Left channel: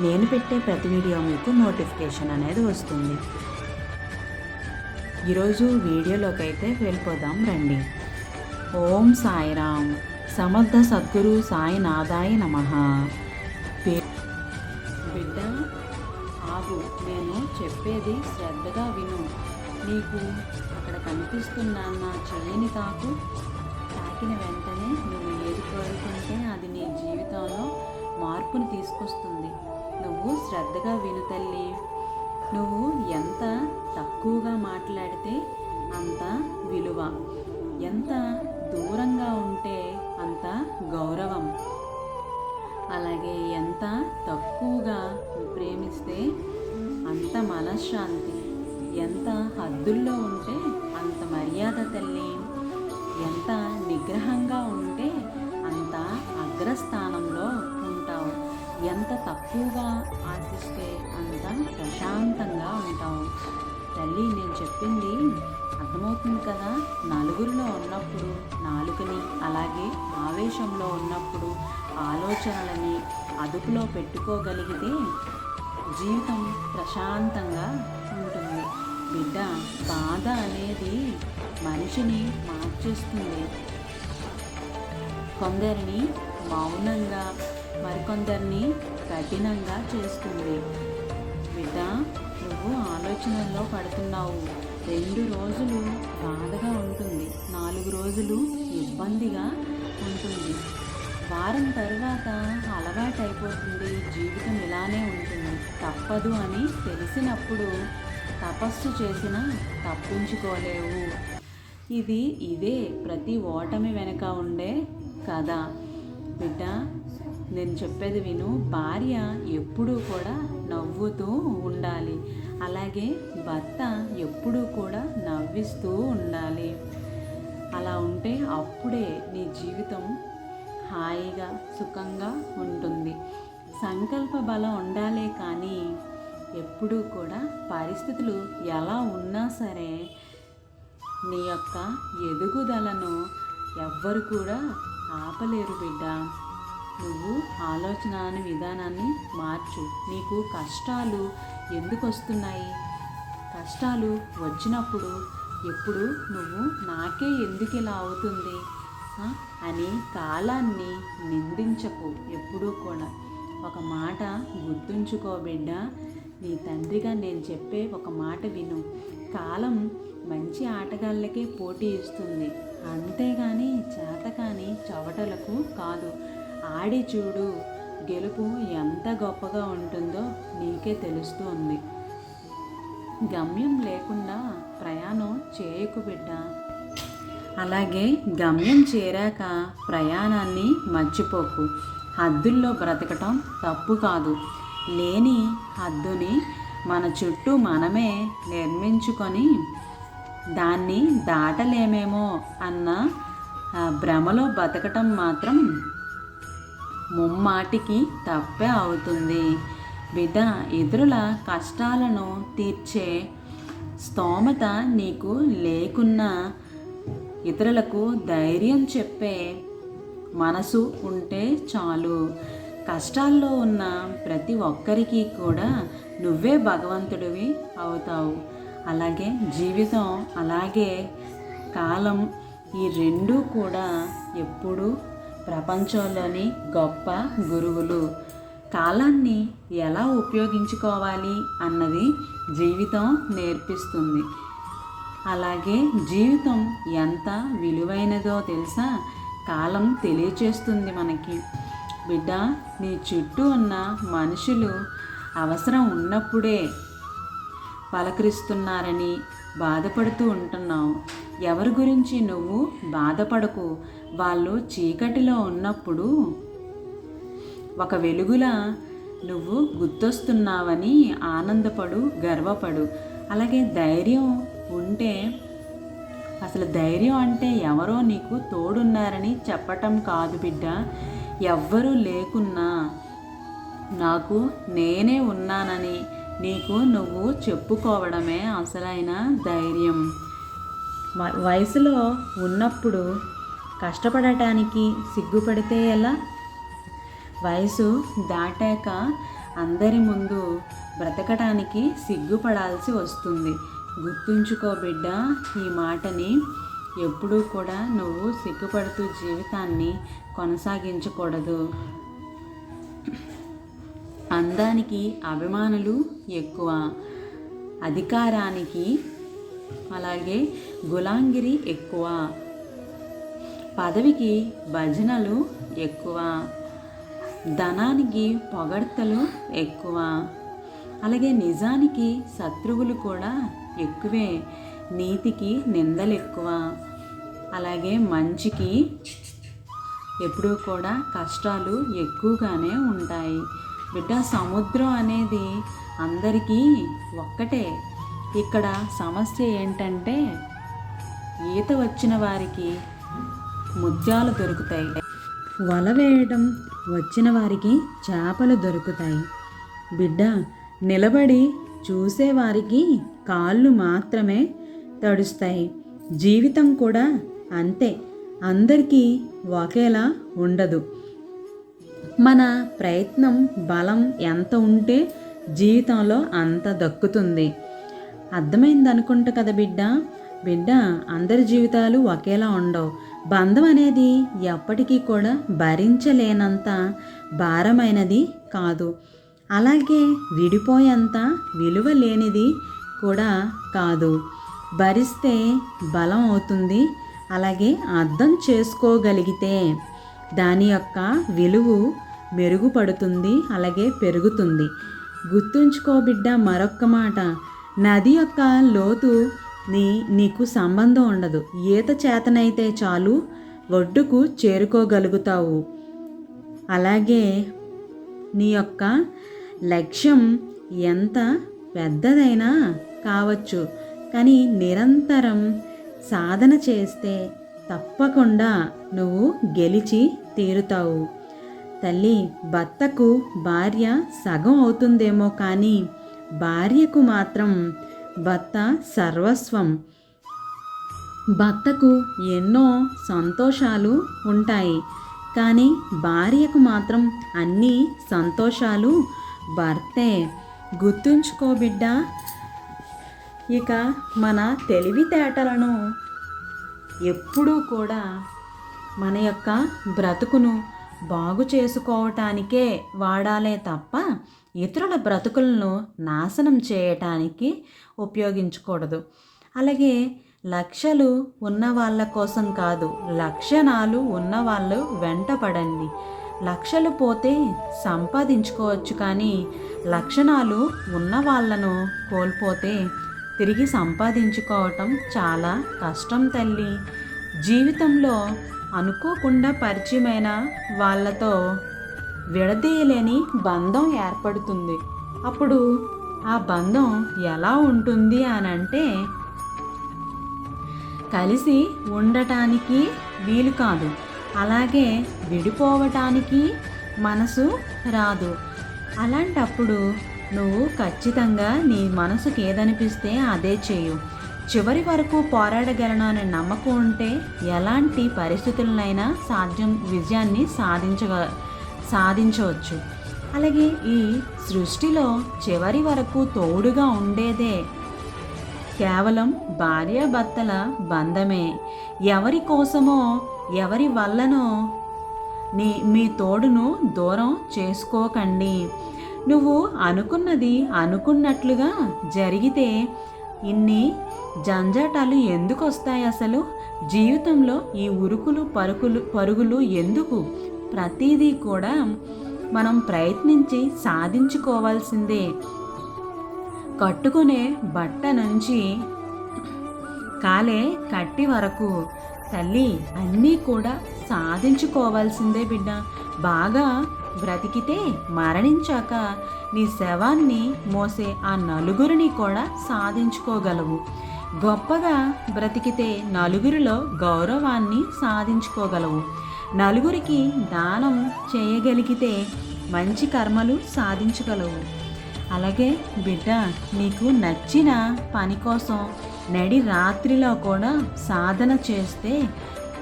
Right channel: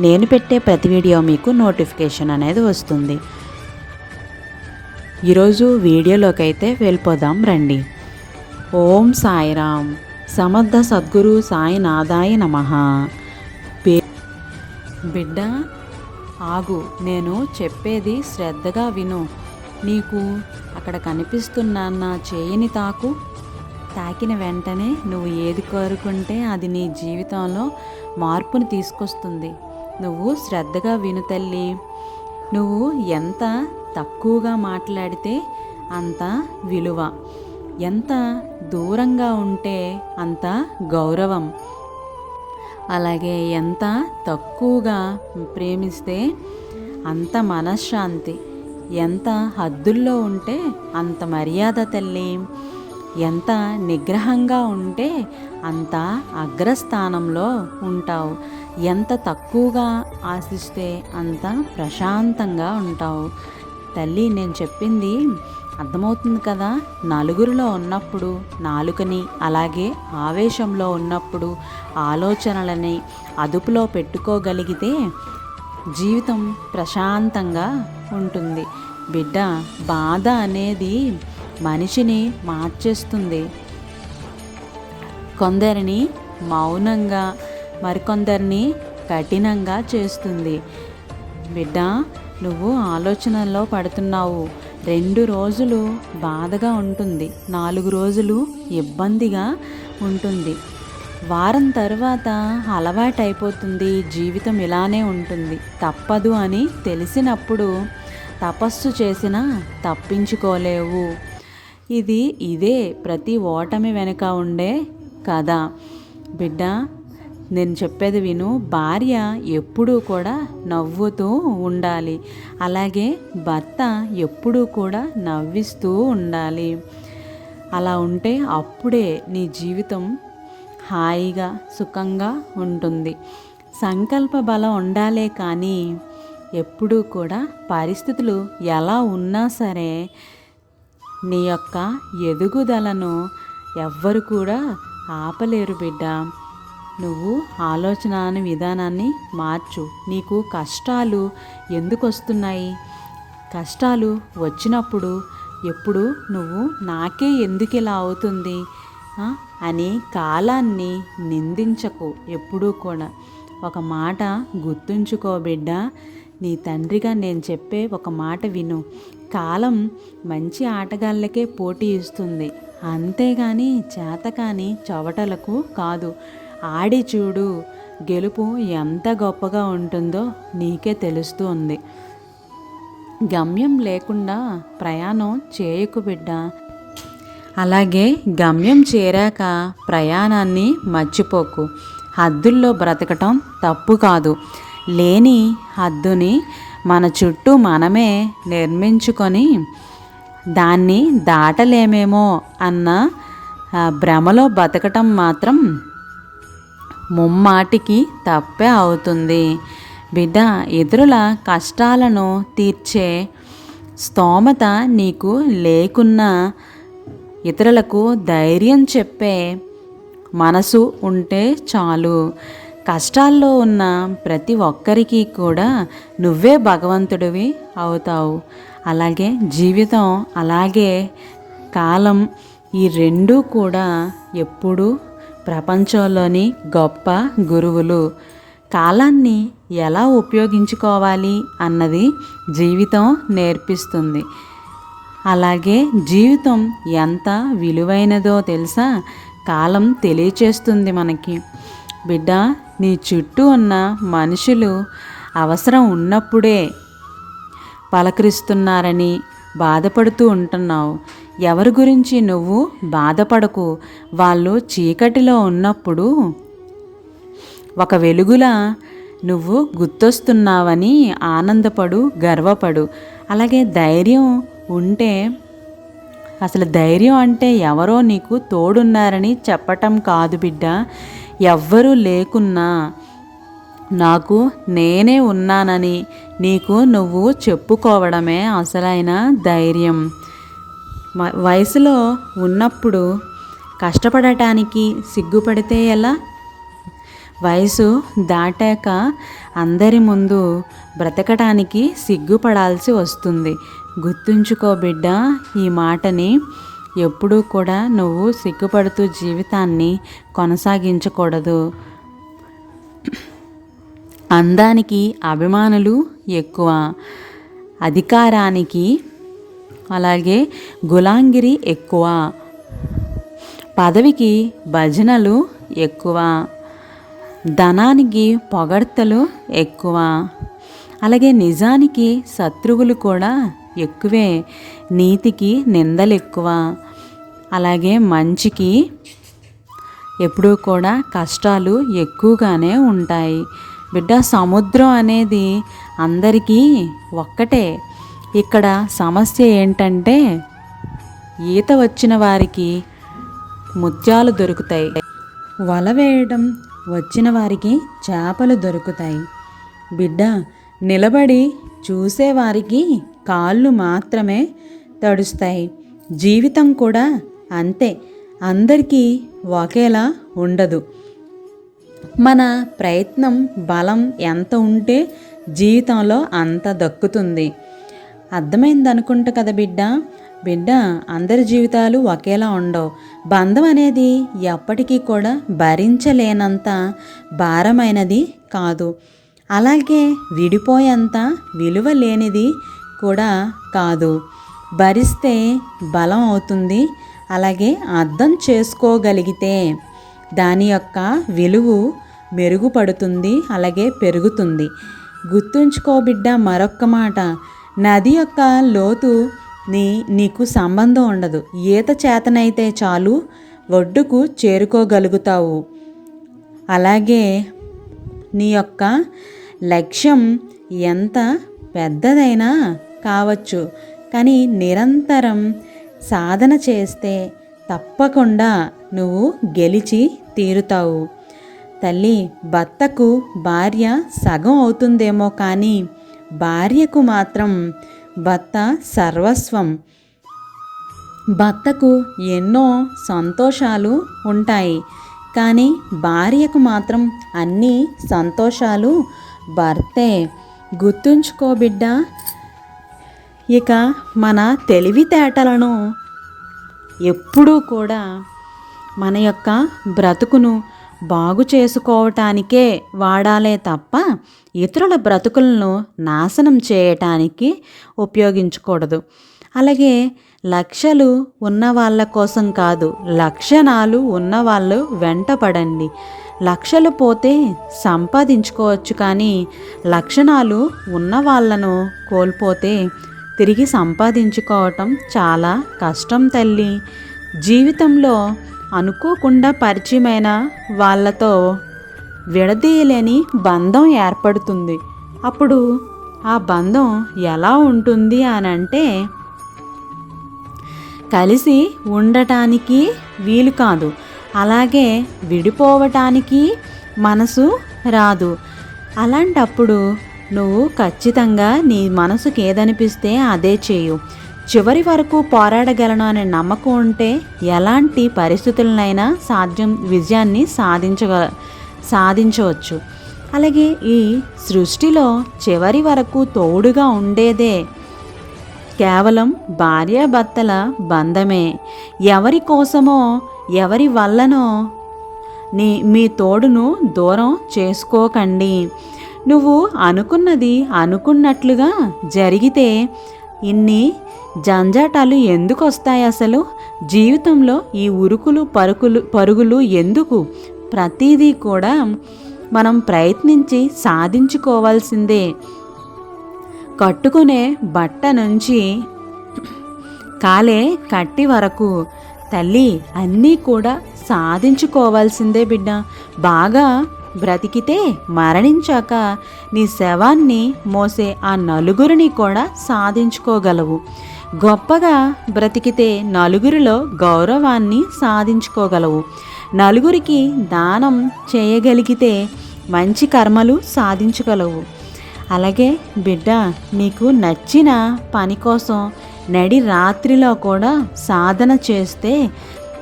నేను పెట్టే ప్రతి వీడియో మీకు నోటిఫికేషన్ అనేది వస్తుంది. ఈరోజు వీడియోలోకి అయితే వెళ్ళిపోదాం రండి. ఓం సాయిరామ్. సమర్థ సద్గురు సాయినాథాయ నమ. బిడ్డ ఆగు. నేను చెప్పేది శ్రద్ధగా విను. నీకు అక్కడ కనిపిస్తున్న నా చేయిని తాకు. తాకిన వెంటనే నువ్వు ఏది కోరుకుంటే అది నీ జీవితంలో మార్పును తీసుకొస్తుంది. నువ్వు శ్రద్ధగా విను తల్లి. నువ్వు ఎంత తక్కువగా మాట్లాడితే అంత విలువ. ఎంత దూరంగా ఉంటే అంత గౌరవం. అలాగే ఎంత తక్కువగా ప్రేమిస్తే అంత మనశ్శాంతి. ఎంత హద్దుల్లో ఉంటే అంత మర్యాద తల్లి. ఎంత నిగ్రహంగా ఉంటే అంత అగ్రస్థానంలో ఉంటావు. ఎంత తక్కువగా ఆశిస్తే అంత ప్రశాంతంగా ఉంటావు. తల్లి నేను చెప్పింది అర్థమవుతుంది కదా? నలుగురిలో ఉన్నప్పుడు నాలుకని అలాగే ఆవేశంలో ఉన్నప్పుడు ఆలోచనలని అదుపులో పెట్టుకోగలిగితే జీవితం ప్రశాంతంగా ఉంటుంది. బిడ్డ బాధ అనేది మనిషిని మార్చేస్తుంది. కొందరిని మౌనంగా మరికొందరిని కఠినంగా చేస్తుంది. బిడ్డ నువ్వు ఆలోచనల్లో పడుతున్నావు. రెండు రోజులు బాధగా ఉంటుంది. నాలుగు రోజులు ఇబ్బందిగా ఉంటుంది. వారం తర్వాత అలవాటైపోతుంది. జీవితం ఇలానే ఉంటుంది. తప్పదు అని తెలిసినప్పుడు తపస్సు చేసినా తప్పించుకోలేవు. ఇది ఇదే ప్రతి ఓటమి వెనుక ఉండే కథ. బిడ్డ నేను చెప్పేది విను. భార్య ఎప్పుడూ కూడా నవ్వుతూ ఉండాలి. అలాగే భర్త ఎప్పుడూ కూడా నవ్విస్తూ ఉండాలి. అలా ఉంటే అప్పుడే నీ జీవితం హాయిగా సుఖంగా ఉంటుంది. సంకల్ప బలం ఉండాలే కానీ ఎప్పుడూ కూడా పరిస్థితులు ఎలా ఉన్నా సరే నీ యొక్క ఎదుగుదలను ఎవ్వరు కూడా ఆపలేరు బిడ్డ. నువ్వు ఆలోచన విధానాన్ని మార్చు. నీకు కష్టాలు ఎందుకు వస్తున్నాయి కష్టాలు వచ్చినప్పుడు ఎప్పుడు నువ్వు నాకే ఎందుకు ఇలా అవుతుంది అని కాలాన్ని నిందించకు. ఎప్పుడూ కూడా. ఒక మాట గుర్తుంచుకో బిడ్డ. నీ తండ్రిగా నేను చెప్పే ఒక మాట విను. కాలం మంచి ఆటగాళ్ళకే పోటీ ఇస్తుంది. అంతేగాని చేతకాని చవటలకు కాదు. ఆడి చూడు గెలుపు ఎంత గొప్పగా ఉంటుందో నీకే తెలుస్తుంది. గమ్యం లేకుండా ప్రయాణం చేయకు బిడ్డ. అలాగే గమ్యం చేరాక ప్రయాణాన్ని మర్చిపోకు. హద్దుల్లో బ్రతకటం తప్పు కాదు. లేని హద్దుని మన చుట్టూ మనమే నిర్మించుకొని దాన్ని దాటలేమేమో అన్న భ్రమలో బతకటం మాత్రం ముమ్మాటికి తప్పే అవుతుంది. బిడ్డ ఇతరుల కష్టాలను తీర్చే స్తోమత నీకు లేకున్నా ఇతరులకు ధైర్యం చెప్పే మనసు ఉంటే చాలు. కష్టాల్లో ఉన్న ప్రతి ఒక్కరికి కూడా నువ్వే భగవంతుడివి అవుతావు. అలాగే జీవితం అలాగే కాలం ఈ రెండూ కూడా ఎప్పుడూ ప్రపంచంలోని గొప్ప గురువులు. కాలాన్ని ఎలా ఉపయోగించుకోవాలి అన్నది జీవితం నేర్పిస్తుంది. అలాగే జీవితం ఎంత విలువైనదో తెలుసా? కాలం తెలియచేస్తుంది మనకి. బిడ్డ నీ చుట్టూ ఉన్న మనుషులు అవసరం ఉన్నప్పుడే పలకరిస్తున్నారని బాధపడుతూ ఉంటున్నావు. ఎవరి గురించి నువ్వు బాధపడకు. వాళ్ళు చీకటిలో ఉన్నప్పుడు ఒక వెలుగులా నువ్వు గుర్తొస్తున్నావని ఆనందపడు గర్వపడు. అలాగే ధైర్యం ఉంటే అసలు ధైర్యం అంటే ఎవరో నీకు తోడున్నారని చెప్పటం కాదు బిడ్డ. ఎవ్వరూ లేకున్నా నాకు నేనే ఉన్నానని నీకు నువ్వు చెప్పుకోవడమే అసలైన ధైర్యం. వయసులో ఉన్నప్పుడు కష్టపడటానికి సిగ్గుపడితే ఎలా? వయసు దాటాక అందరి ముందు బ్రతకడానికి సిగ్గుపడాల్సి వస్తుంది. గుర్తుంచుకో బిడ్డ ఈ మాటని ఎప్పుడూ కూడా నువ్వు సిగ్గుపడుతూ జీవితాన్ని కొనసాగించకూడదు. అందానికి అభిమానులు ఎక్కువ. అధికారానికి అలాగే గులాంగిరి ఎక్కువ. పదవికి భజనలు ఎక్కువ. ధనానికి పొగడ్తలు ఎక్కువ. అలాగే నిజానికి శత్రువులు కూడా ఎక్కువే. నీతికి నిందలు ఎక్కువ అలాగే మంచికి ఎప్పుడూ కూడా కష్టాలు ఎక్కువగానే ఉంటాయి. బిడ్డ సముద్రం అనేది అందరికీ ఒక్కటే. ఇక్కడ సమస్య ఏంటంటే ఈత వచ్చిన వారికి ముత్యాలు దొరుకుతాయి. వల వేయడం వచ్చిన వారికి చేపలు దొరుకుతాయి. బిడ్డ నిలబడి చూసేవారికి కాళ్ళు మాత్రమే తడుస్తాయి. జీవితం కూడా అంతే. అందరికీ ఒకేలా ఉండదు. మన ప్రయత్నం బలం ఎంత ఉంటే జీవితంలో అంత దక్కుతుంది. అర్థమైంది అనుకుంటా కదా బిడ్డ? బిడ్డ అందరి జీవితాలు ఒకేలా ఉండవు. బంధం అనేది ఎప్పటికీ కూడా భరించలేనంత భారమైనది కాదు. అలాగే విడిపోయేంత విలువ లేనిది కూడా కాదు. భరిస్తే బలం అవుతుంది అలాగే అర్థం చేసుకోగలిగితే దాని యొక్క విలువ మెరుగుపడుతుంది అలాగే పెరుగుతుంది. గుర్తుంచుకో బిడ్డ మరొక్క మాట. నది యొక్క లోతు నీ నీకు సంబంధం ఉండదు. ఈత చేతనైతే చాలు ఒడ్డుకు చేరుకోగలుగుతావు. అలాగే నీ యొక్క లక్ష్యం ఎంత పెద్దదైనా కావచ్చు. కానీ నిరంతరం సాధన చేస్తే తప్పకుండా నువ్వు గెలిచి తీరుతావు. తల్లి భర్తకు భార్య సగం అవుతుందేమో కానీ భార్యకు మాత్రం భర్త సర్వస్వం. భర్తకు ఎన్నో సంతోషాలు ఉంటాయి. కానీ భార్యకు మాత్రం అన్ని సంతోషాలు భర్తే. గుర్తుంచుకో బిడ్డ ఇక మన తెలివితేటలను ఎప్పుడూ కూడా మన యొక్క బ్రతుకును బాగు చేసుకోవటానికే వాడాలే తప్ప ఇతరుల బ్రతుకులను నాశనం చేయటానికి ఉపయోగించకూడదు. అలాగే లక్ష్యాలు ఉన్న వాళ్ళ కోసం కాదు లక్షణాలు ఉన్న వాళ్ళు వెంటపడండి. లక్షలు పోతే సంపాదించుకోవచ్చు కానీ లక్షణాలు ఉన్న వాళ్ళను కోల్పోతే తిరిగి సంపాదించుకోవటం చాలా కష్టం తల్లి. జీవితంలో అనుకోకుండా పరిచయమైన వాళ్ళతో విడదీయలేని బంధం ఏర్పడుతుంది. అప్పుడు ఆ బంధం ఎలా ఉంటుంది అని అంటే కలిసి ఉండటానికి వీలు కాదు. అలాగే విడిపోవటానికి మనసు రాదు. అలాంటప్పుడు నువ్వు ఖచ్చితంగా నీ మనసుకు ఏదనిపిస్తే అదే చేయు. చివరి వరకు పోరాడగలను అనే నమ్మకం ఉంటే ఎలాంటి పరిస్థితులనైనా సాధ్యం విజయాన్ని సాధించగ సాధించవచ్చు. అలాగే ఈ సృష్టిలో చివరి వరకు తోడుగా ఉండేదే కేవలం భార్యాభర్తల బంధమే. ఎవరి కోసమో ఎవరి వల్లనో నీ మీ తోడును దూరం చేసుకోకండి. నువ్వు అనుకున్నది అనుకున్నట్లుగా జరిగితే ఇన్ని జంజాటాలు ఎందుకు వస్తాయి అసలు? జీవితంలో ఈ ఉరుకులు పరుకులు పరుగులు ఎందుకు? ప్రతిదీ కూడా మనం ప్రయత్నించి సాధించుకోవాల్సిందే. కట్టుకునే బట్ట నుంచి కాలే కట్టి వరకు తల్లి అన్నీ కూడా సాధించుకోవాల్సిందే బిడ్డ. బాగా బ్రతికితే మరణించాక నీ శవాన్ని మోసే ఆ నలుగురిని కూడా సాధించుకోగలవు. గొప్పగా బ్రతికితే నలుగురిలో గౌరవాన్ని సాధించుకోగలవు. నలుగురికి దానం చేయగలిగితే మంచి కర్మలు సాధించగలవు. అలాగే బిడ్డ నీకు నచ్చిన పని కోసం నడి రాత్రిలో కూడా సాధన చేస్తే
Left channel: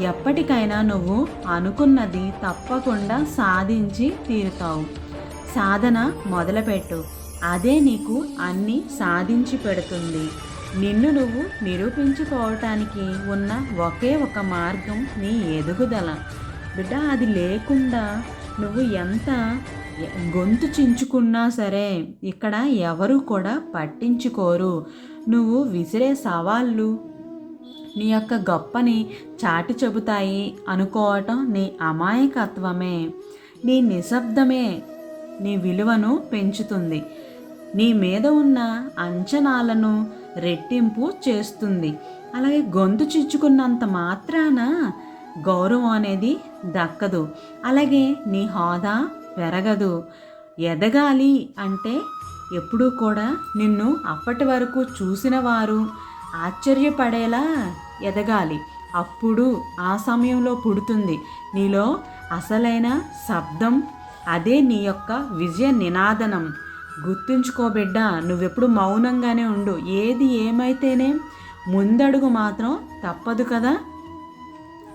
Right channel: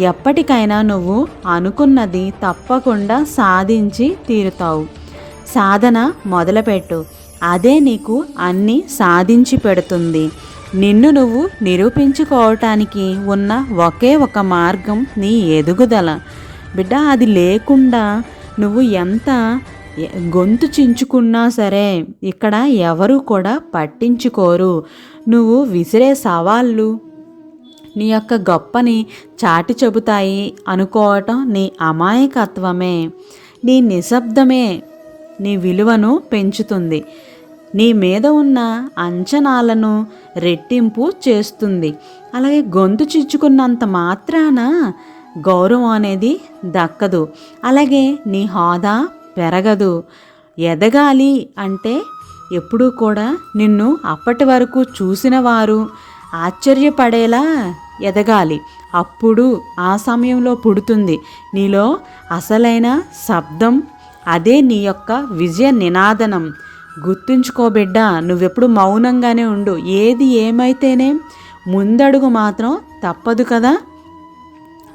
ఎప్పటికైనా నువ్వు అనుకున్నది తప్పకుండా సాధించి తీరుతావు. సాధన మొదలుపెట్టు. అదే నీకు అన్నీ సాధించి పెడుతుంది. నిన్ను నువ్వు నిరూపించుకోవటానికి ఉన్న ఒకే ఒక మార్గం నీ ఎదుగుదల. బిడ్డ అది లేకుండా నువ్వు ఎంత గొంతు చించుకున్నా సరే ఇక్కడ ఎవరు కూడా పట్టించుకోరు. నువ్వు విసిరే సవాళ్ళు నీ యొక్క గొప్పని చాటి చెబుతాయి అనుకోవటం నీ అమాయకత్వమే. నీ నిశ్శబ్దమే నీ విలువను పెంచుతుంది. నీ మీద ఉన్న అంచనాలను రెట్టింపు చేస్తుంది. అలాగే గొంతు చిచ్చుకున్నంత మాత్రాన గౌరవం అనేది దక్కదు. అలాగే నీ హోదా పెరగదు. ఎదగాలి అంటే ఎప్పుడూ కూడా నిన్ను అప్పటి వరకు చూసిన వారు ఆశ్చర్యపడేలా ఎదగాలి. అప్పుడు ఆ సమయంలో పుడుతుంది. నీలో అసలైన శబ్దం అదే నీ యొక్క విజయ నినాదనం. గుర్తుంచుకో బిడ్డ నువ్వెప్పుడు మౌనంగానే ఉండు. ఏది ఏమైతేనే ముందడుగు మాత్రం తప్పదు కదా?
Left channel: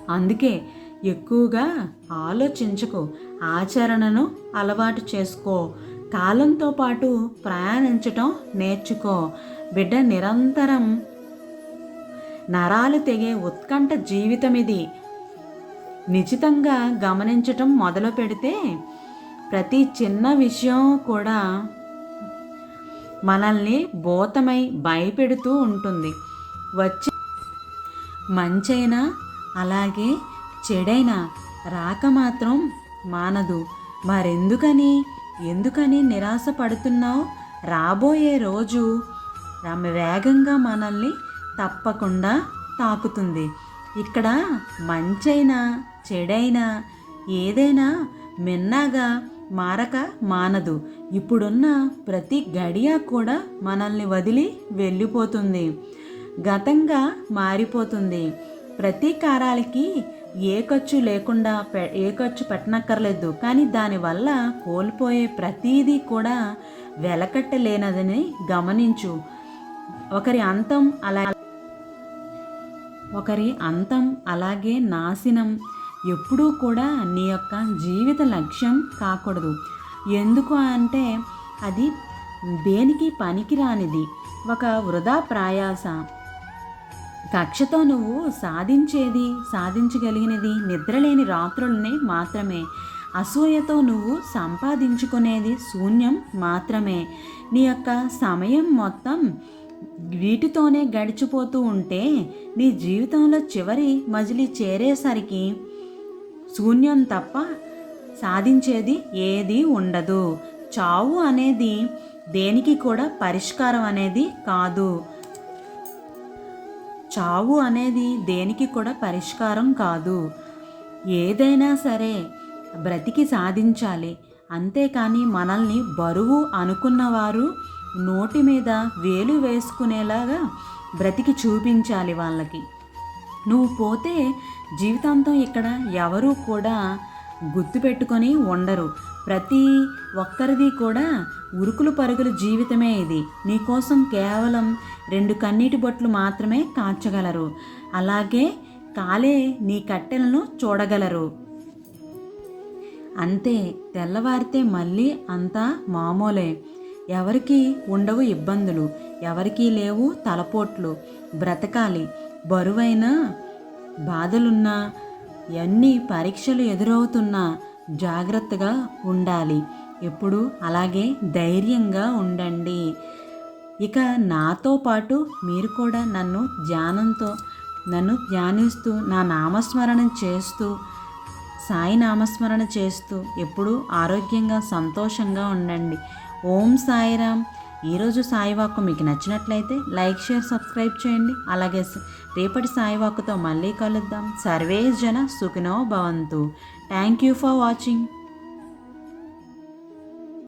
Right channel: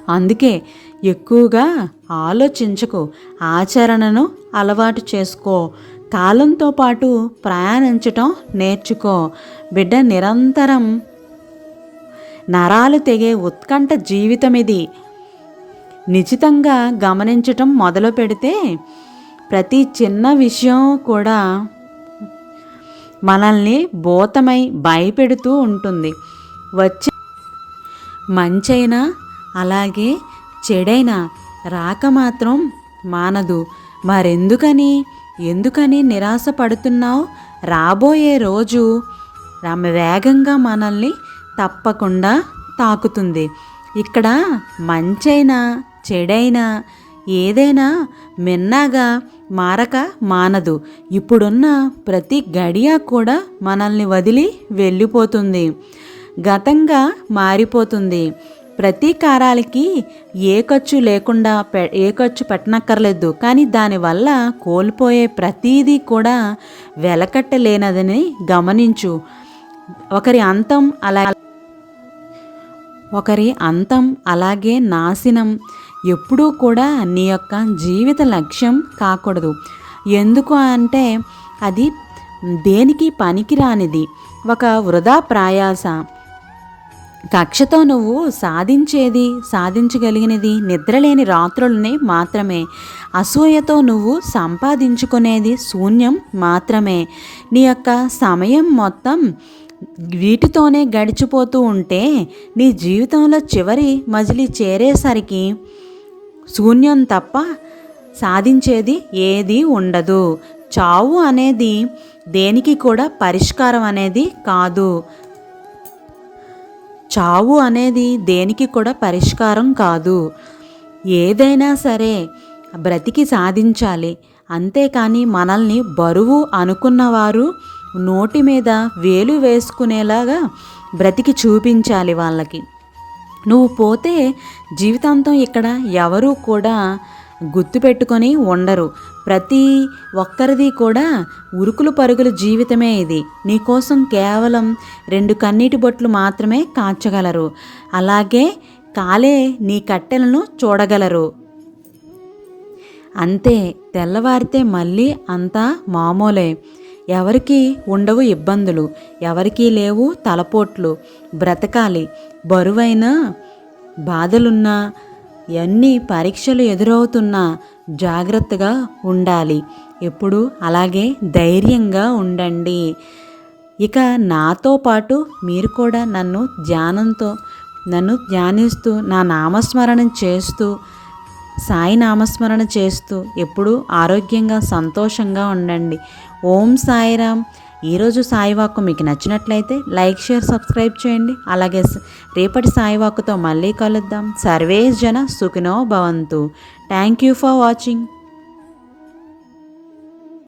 అందుకే ఎక్కువగా ఆలోచించకు. ఆచరణను అలవాటు చేసుకో. కాలంతో పాటు ప్రయాణించటం నేర్చుకో. బిడ్డ నిరంతరం నరాలు తెగే ఉత్కంఠ జీవితం ఇది నిశ్చితంగా గమనించటం మొదలు పెడితే ప్రతి చిన్న విషయం కూడా మనల్ని భూతమై భయపెడుతూ ఉంటుంది. వచ్చే మంచైనా అలాగే చెడైనా రాక మాత్రం మానదు. మరెందుకని ఎందుకని నిరాశ పడుతున్నావు రాబోయే రోజు వేగంగా మనల్ని తప్పకుండా తాకుతుంది. ఇక్కడ మంచైనా చెడైనా ఏదైనా మిన్నాగా మారక మానదు. ఇప్పుడున్న ప్రతి గడియ కూడా మనల్ని వదిలి వెళ్ళిపోతుంది. గతంగా మారిపోతుంది. ప్రతీకారాలకి ఏ ఖర్చు లేకుండా పె ఏ ఖర్చు పెట్టనక్కర్లేదు. కానీ దానివల్ల కోల్పోయే ప్రతీదీ కూడా వెలకట్టలేనదని గమనించు. ఒకరి అంతం అలా ఒకరి అంతం అలాగే నాశనం ఎప్పుడూ కూడా నీ యొక్క జీవిత లక్ష్యం కాకూడదు. ఎందుకు అంటే అది దేనికి పనికిరానిది. ఒక వృధా ప్రయాస. కక్షతో నువ్వు సాధించేది సాధించగలిగినది నిద్రలేని రాత్రులనే మాత్రమే. అసూయతో నువ్వు సంపాదించుకునేది శూన్యం మాత్రమే. నీ యొక్క సమయం మొత్తం వీటితోనే గడిచిపోతూ ఉంటే నీ జీవితంలో చివరి మజిలి చేరేసరికి శూన్యం తప్ప సాధించేది ఏది ఉండదు. చావు అనేది దేనికి కూడా పరిష్కారం అనేది కాదు. చావు అనేది దేనికి కూడా పరిష్కారం కాదు. ఏదైనా సరే బ్రతికి సాధించాలి. అంతేకాని మనల్ని బరువు అనుకున్నవారు నోటి మీద వేలు వేసుకునేలాగా బ్రతికి చూపించాలి వాళ్ళకి. నువ్వు పోతే జీవితాంతం ఇక్కడ ఎవరూ కూడా గుర్తుపెట్టుకొని ఉండరు. ప్రతి ఒక్కరిది కూడా ఉరుకులు పరుగుల జీవితమే ఇది. నీకోసం కేవలం రెండు కన్నీటి బొట్లు మాత్రమే కాచగలరు. అలాగే కాలే నీ కట్టెలను చూడగలరు. అంతే తెల్లవారితే మళ్ళీ అంతా మామూలే. ఎవరికీ ఉండవు ఇబ్బందులు ఎవరికీ లేవు తలపోట్లు. బ్రతకాలి. బరువైన బాధలున్నా ఎన్ని పరీక్షలు ఎదురవుతున్నా జాగ్రత్తగా ఉండాలి. ఎప్పుడు అలాగే ధైర్యంగా ఉండండి. ఇక నాతో పాటు మీరు కూడా నన్ను ధ్యానంతో నన్ను ధ్యానిస్తూ నా నామస్మరణం చేస్తూ సాయి నామస్మరణ చేస్తూ ఎప్పుడూ ఆరోగ్యంగా సంతోషంగా ఉండండి. ఓం సాయిరామ్. ఈరోజు సాయివాక్కు మీకు నచ్చినట్లయితే లైక్ షేర్ సబ్స్క్రైబ్ చేయండి. అలాగే రేపటి సాయివాక్కుతో మళ్ళీ కలుద్దాం. సర్వేస్ జన సుఖినో భవంతు. Thank you for watching.